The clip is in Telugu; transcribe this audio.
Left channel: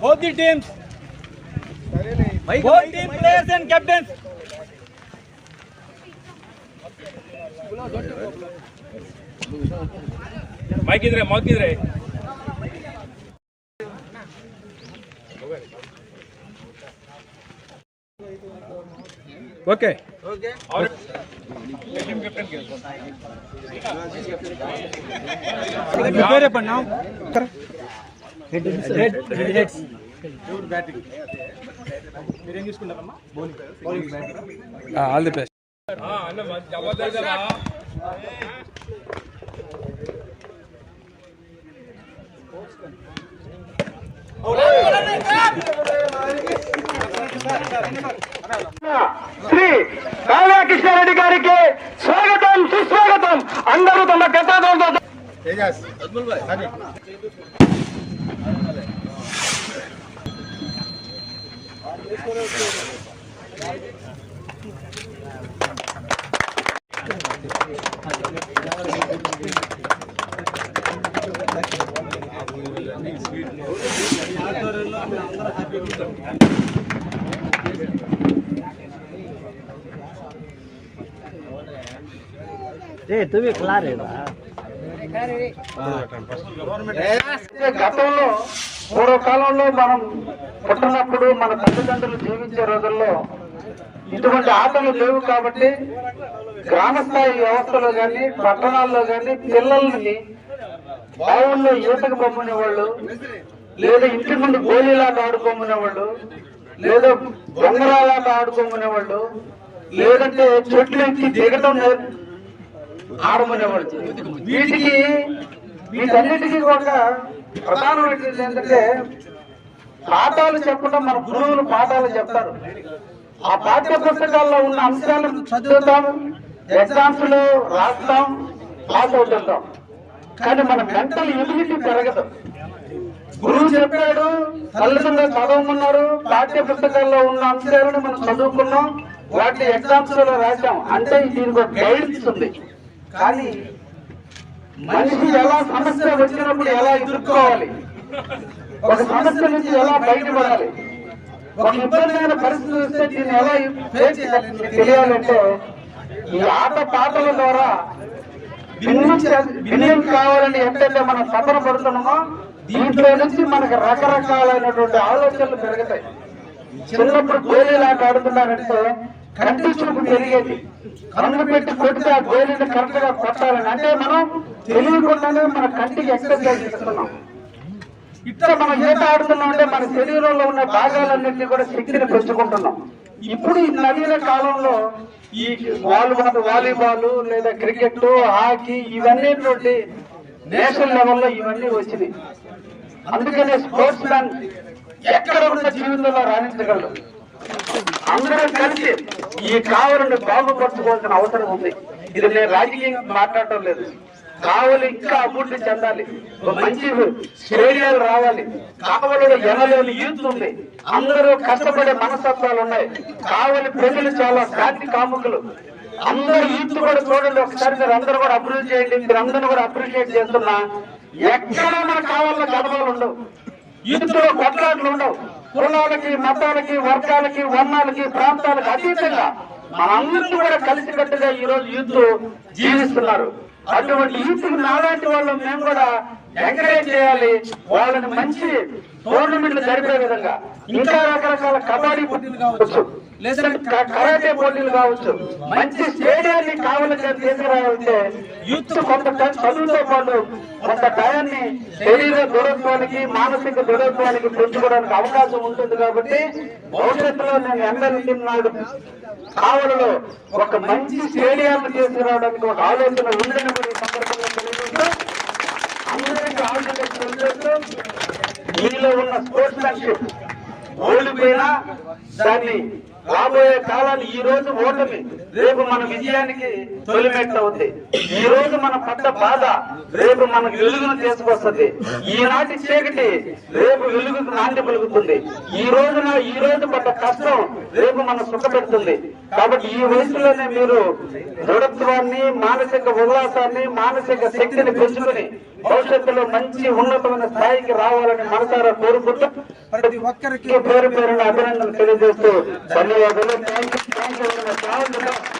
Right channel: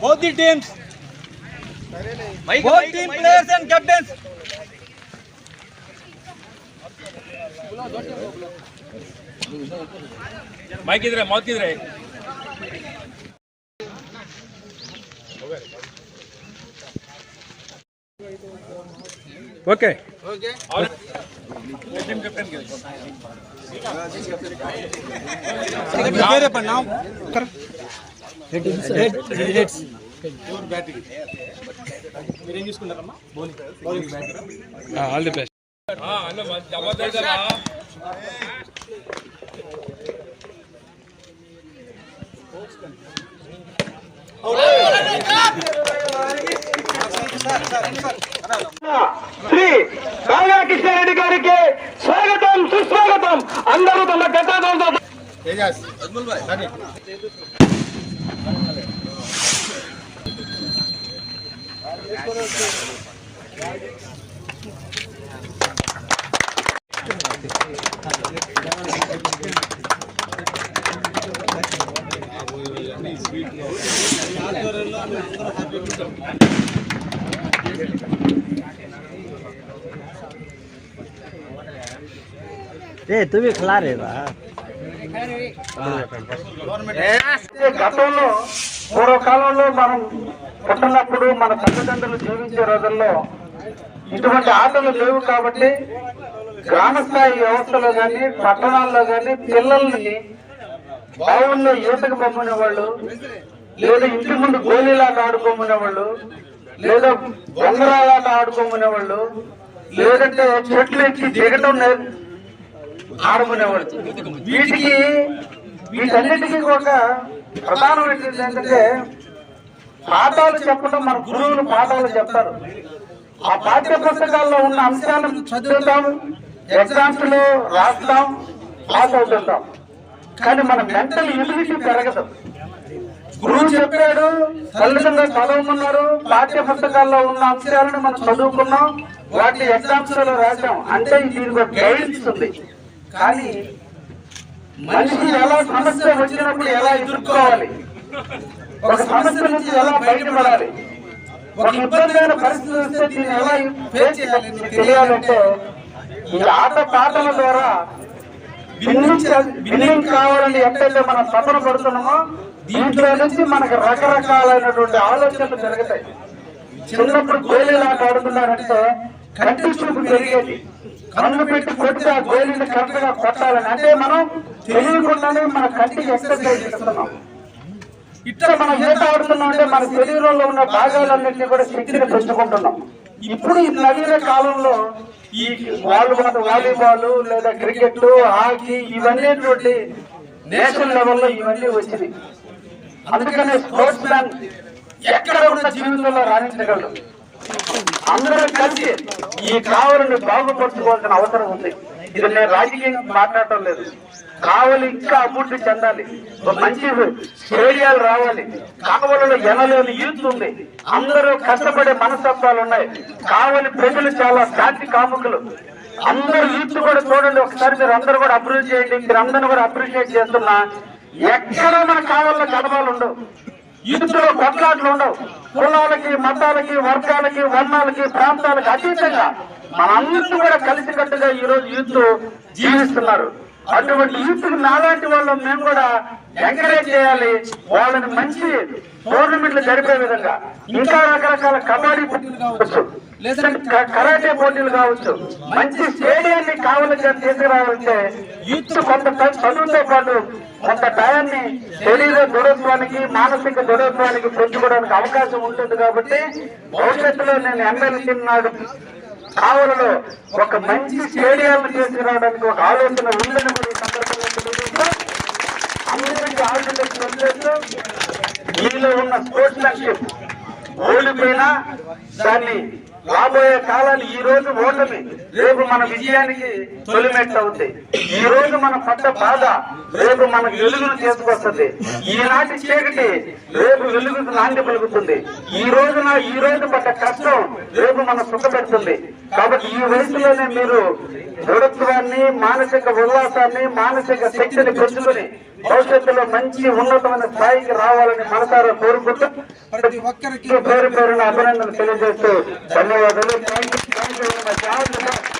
Both the teams. Both team players and captains. Mike ಇದ್ರೆ ओके ओके और टीम कैप्टन के ಬೇರೆ पण नाव कर हेड हेड्स योर बैटिंग మీరు ఏం చూసుకుంటారమ్మా bowling bowling batter all the best ఆ అన్న జబర్దస్త్ రా అవుట్ శ్రీ కాళాకృష్ణారెడ్డి గారికి స్వాగతం సుస్వాగతం. అందరూ తమ గతాదంతో ए तुम्ही खिला रहे बा గతంలో పూర్వకాలంలో మనం పుట్టినప్పుడు మన తల్లిదండ్రులు జీవించే రోజుల్లో ఇటువంటి ఆటలు లేవు కాబట్టి గ్రామ స్థాయి వ్యవస్థలో కానీ పట్టణాల్లో కానీ పిల్లల్ని బావుల్లో ఈతకు పంపిన వాళ్ళు లేదా ఇంటి ముందు గోళీలాట ఆడుకోమనే వాళ్ళు లేదా బొంగరాలాట ఆడుకోమనే వాళ్ళు లేదంటే చెట్లు ఎక్కి దిగటం నేర్- వీటికి వీటన్నిటికీ కూడా ప్రధానమైనది ఏంటంటే పాఠాలు చెప్పడం మన గురువులు పాఠాలు చెప్తారు. ఆ పాఠ్య పుస్తకాల్లో ఉన్న అంశాలను చదువుతాం ఎగ్జామ్స్లో రాస్తాం పాస్ అవుతుంటాం. కానీ మన మెంటల్ ఎబిలిటీ పెరగదు. గురువు చెప్పాడు తల్లిదండ్రులు చదవమన్నారు పాఠ్య పుస్తకాల్లో ఉన్న అంశాలను మనం చదువుకున్నాం వాటి ఎగ్జామ్స్లో రాసాం అంటే దీనికి గైడెన్స్ ఉంది. కానీ మనిషి ఎలా సమస్య వచ్చినప్పుడు ఎలా ఎదుర్కోవాలి? ఒక సమస్య నుంచి ఎలా బయటపడాలి? ఒక ఇబ్బందికర పరిస్థితి వస్తే దీన్ని ఎలా ఫేస్ చేయాలి అని తెలియాలంటే ఈ ఆట పాటల ద్వారా భిన్నించ భిన్నం కావాలని ఎంతైతే మనం తపన పడుతున్నామో దీంట్లో నుంచి మనకు రకరకాలైనటువంటి ఆలోచనలు పెరుగుతాయి. చిన్నప్పుడు గోళీలు ఆట ఆడుతున్నారంటే కంటి చూపు పెరిగేది. కన్ను పెట్టి కొడితే ఆ గోళీని కరెక్ట్గా కొట్టాలని. అంటే మనం తెలియకుండానే మన కంటికి ఎక్సర్సైజ్ చేస్తున్నాం. ఇట్లా మనం ఈత ఆడుతున్నామంటే మన శరీరంలో ఉన్న భాగాలన్నింటినీ కూడా శక్తిని పెంచుకుంటున్నాం. ఇప్పుడు ఈ నవీన కాలంలో ఈ వాలీబాల్ వాలీబాల్ లేదా క్రికెట్ హాకీ ఇవన్నీ నేషనల్ లెవెల్లో ఇవన్నీ వచ్చినాయి. అందుకనే స్పోర్ట్స్ మ్యాన్ ఎక్కడ ఉన్న జీవితంలో రాణించగలరు అందరూ కలిసి ఈ కావలిని బాగుపరచుకోవాల్సిన అవసరం ఉంది. ఇది నేను రాజకీయంగా మాట్లాడటం లేదు. కావలి ఇంకా అభివృద్ధి చెందాలి. ఒక మంచి స్టేడియాలు రావాలి. కావలలో ఎనలేని యూత్ ఉంది. అందరూ కష్టపడే మనస్తత్వాలు ఉన్నాయి. కావలి ప్రజలు చాలా శాంతి కాముకులు. అందరూ యూత్ కూడా చూడండి. ఒకసారి మీరు అందరూ కూడా అభివృద్ధి చేయండి. మీరు అందరూ కూడా అప్రిషియేట్ చేస్తున్నా. ఎక్కడ మన కావాలని గడపాలు ఉండవు. ఇందులో కొట్లాట్లు ఉండవు. కులాలకి మతాలకి వర్గాలకి వర్ణాలకి ప్రాంతాలకి అతీతంగా మనందరినీ కూడా కలిసికట్టుగా ఈ రోజు యూత్ జీవిస్తున్నారు. అటువంటి యూత్ నాలాంటి వాళ్ళు మేము కూడా ఎంకరేజ్ చేయాలి. వాళ్ళని మంచి టోర్నమెంట్లు జరిపే విధంగా ఇంకా రకరకాల కబడ్డీ పోటీలు కావచ్చు. కరాటే పోటీలు కావచ్చు. మంచి స్టేడియాన్ని కావాలని తీసుకురావాలంటే యూత్ కొంత చదువుతో పాటు కొంత టయాన్ని శరీర దృఢత్వానికి మానసిక దృఢత్వానికి పెంచుకోవడానికి అవకాశం ఉంటుంది కాబట్టి భవిష్యత్తులో నేను ఎమ్మెల్యే నాడు కావలలో ఒక మంచి స్టేడియాన్ని తీసుకురావడానికి ఒక ఆలోచన ఉందని కూడా ఈ సందర్భంగా తెలియజేస్తూ అందరికీ ఆలోచన మీలో ఉన్న స్పోర్ట్స్ మ్యాన్షిప్ ఓడిపోయినా దాన్ని రాబోయే కాలాన్ని ఈ రోజు ఓటమి. రేపు మన విజయానికి తొలిమెట్టు అవుతాయి. ఈ రోజు మన పడ్డ బాధ రేపు మనకు వెలుగును తీసుకొస్తుంది. ఈనాటి చీకటి రేపు వెలుగుకు నాంది పలుకుతుంది. ఈ రోజున ఈ రోజు పడ్డ కష్టం రేపు మన సుఖ పెడుతుంది కాబట్టి ఈ వయసులోనే మీరు దృఢత్వాన్ని మానసిక ఉల్లాసాన్ని మానసిక శక్తిని పెంచుకుని భవిష్యత్తులో మంచి ఉన్నతమైన స్థాయికి రావాలని మనసారా కోరుకుంటూ ప్రతి ఒక్కరికి పేరు పేరున అభినందనలు తెలియజేస్తూ ధన్యవాదాలు. Thank you.